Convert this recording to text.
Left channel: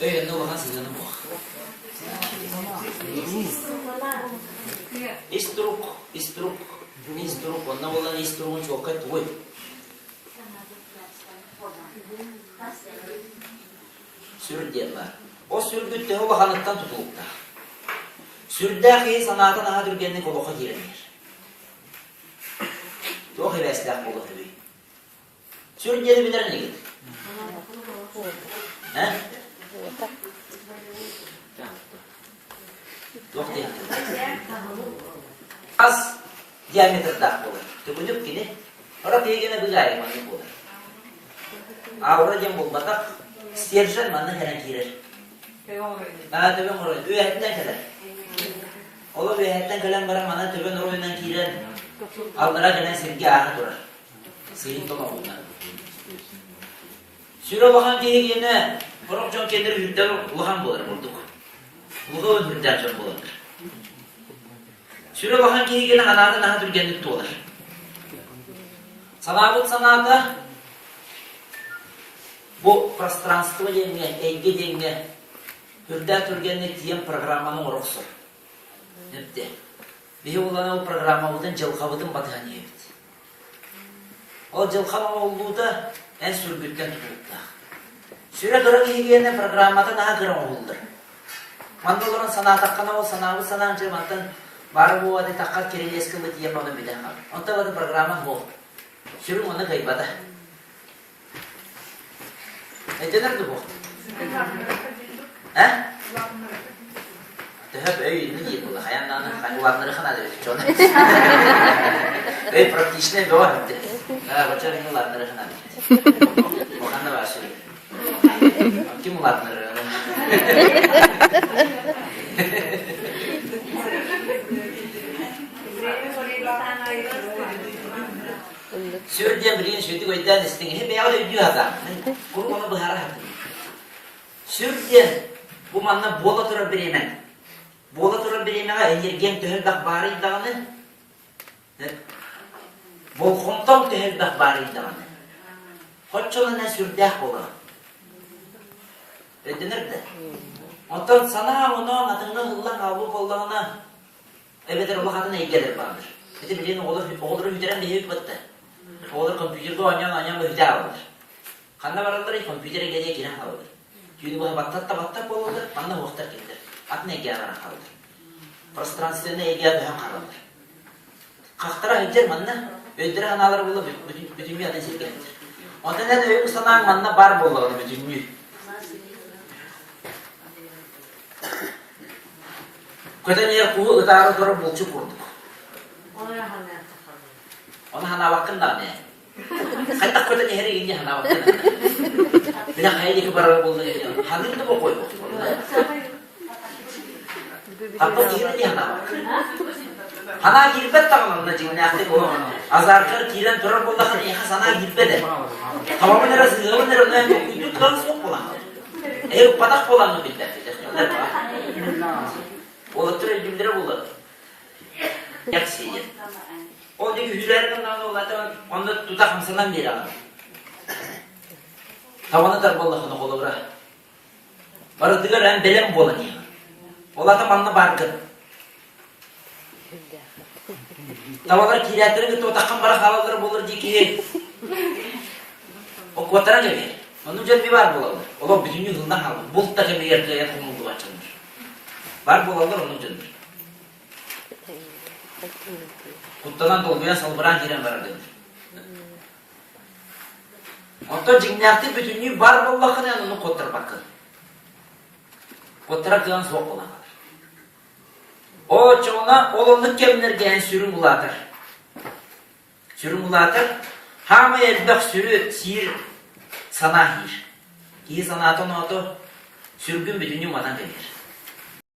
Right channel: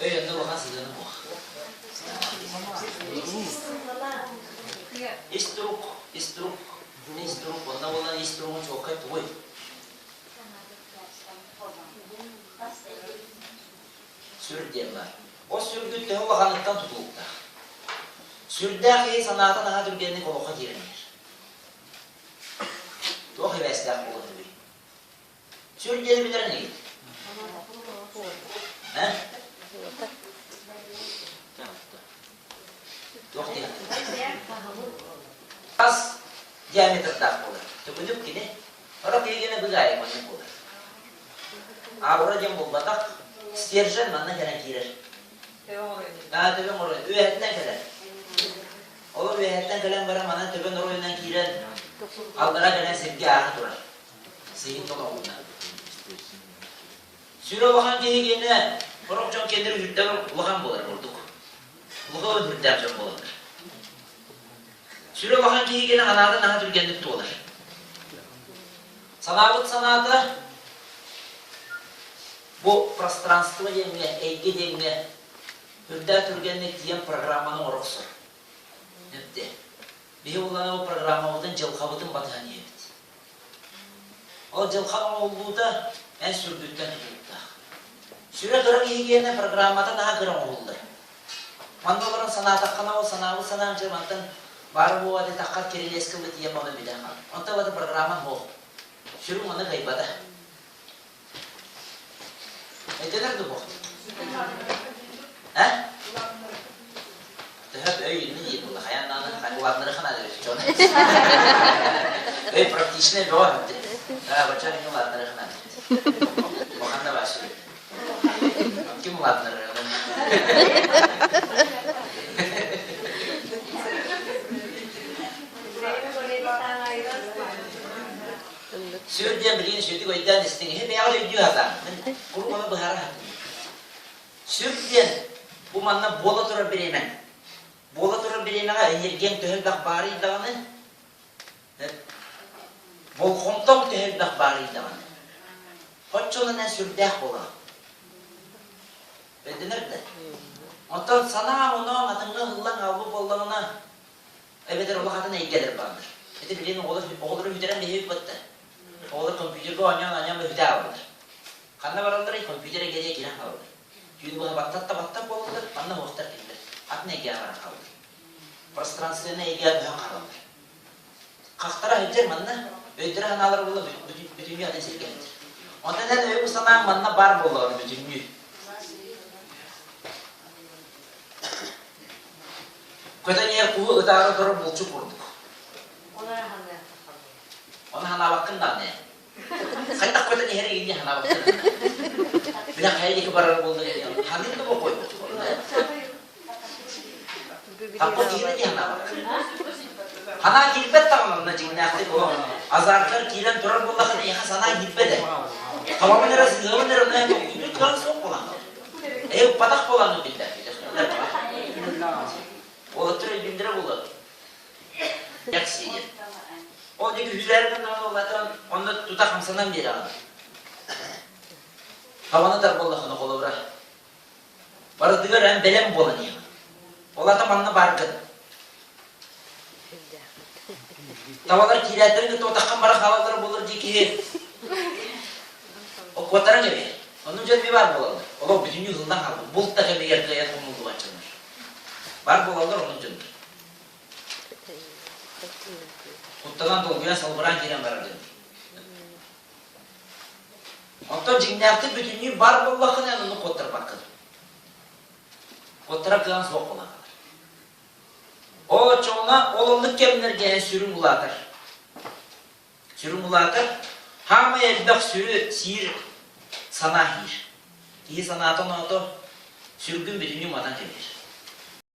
Öyle olan sizin bu. İstruk. Ondan olan istruğun çok kayıp koy. Sür diyorlar. O sürgütte o bakanlıktan tutulukta. Sürdaki sanatın aha Türkiye'nin koloka giremiyor. Çok hevesler olur tabii. Sürgüleri bilir ne gibi? He? Yok diye. Az diametre dak olur. Tübüdük gini. Orada yegene bir gayet mantık olur. Ağır cem bulmadak. Stiyerşen manna gelen girer. Tübün oraya. Üyetten gelir. Olur üyetten gelen bara manna tübün oraya girer. Aldıra gelen sevgi ağı durar. Seyit ona bundan. Süre bakan yegene. Borok çok kedir hüdden lıhan bulur bulduk. Lıhan hüdden çok bulur. Süre bakan yegene anarda naha Türkiye'nin olur. Sanatı bu пространство denilen, eğge denilen Hürder Türkiye'nin diyen programının oruksu. Hepti. Ve olan o programımızın Cılkavıdın batıhanı yaptı. O Cılkavıdın olduğu da en sürgütten tutuldu. Süre kırık higiyene programada daha kırık oldu. Mandoların sanat hakkında o sanatı cırmandan barı bu adı takkar kereli eski mıtı yapmadan bir daha kaldı. Ondan batı programın bu. Sürüm onu kaybada. Nedenler bu? He? Hep öyle değil bu. Hayatlarına kanıvatları kanal öyle çoğuna. Öyle pratikçine doğru hepti. Başarı kanıvatları kanal öyle. O kanda var sürüm. Kim ulatları öyle? Sür diye birinin sürdü koyduğun istediğini hep yağlı ödüyor adam. Kuru bana bu hara hakkı. Sür diye bu manna bola tura birinin. Bola tura birinin enerjiyen töhemdak bari dağını. Bol kontam töhemdak bari dağını. Koççoğuna sürdüğü bola. Ödenir de. Ondan sana onun adını hıllan avlu kollarına evet ola kadına ilgelir vardır. Eti birinin oğulları hücren de hükmetti. Oğulları kompüterde oynayan bir hücre alır. Kanna varalları kompütere geriye giren alır. Yürü bu battak olurlar, kanna muhtar gider. Atına ilgiye varan kalır. Prostransisyonuna ilgiye duyan kalır. Kalktıra hücre manna, öldüre analar bulur, bütün bir adın gelir. Ondan ne öyle bu sanağın manna bar bulur, bütün bir. Köten yer kuhu ıdarı doğru bulçu kurduk. Ona hana bakında ne? Kaytak köten yeri indi hana bakında. Bila kaya di kebaran buldu ya. Hadir de bu koy. Apa kira dia hana bak. Hana girpet tamam na cimne akti bu. Azarkar kiran durar buldu kan ya sana girpet. Tamam neresi? Ne yok? Itu kan sok pulang. Patak pulang bildi. O türe bildire buldu. Yaksi. O dedi hüzerden olaydan onda tutak hamsadan beri aldı. Tavanı da bollakını kola bırak. Barı diyor en belem bolanıyor. Ola da manna barkın. Tavalar kiratları ki totakkan bara havaları bulur diye ki. O kuatara gibi. Onun için bir var bolanır. Ola bütün yılından kaldı. Bulut da kendi yerde konuldu açılmış. Var bolanır onun içindir. Kuttadan dolguyan salbıran giren var dedi. Ondan cinniyatı bütünlüğü var bollakın yani onu kottar bakın. Kottara kılan soğuk olan kadar. O çoğuna olanlık gelinir gen sürüm ulatır. Sürüm ulatır. Hama elbek sürü sihir sanahir. İyi sanatın odu sürgün bütünlüğü madan gelir.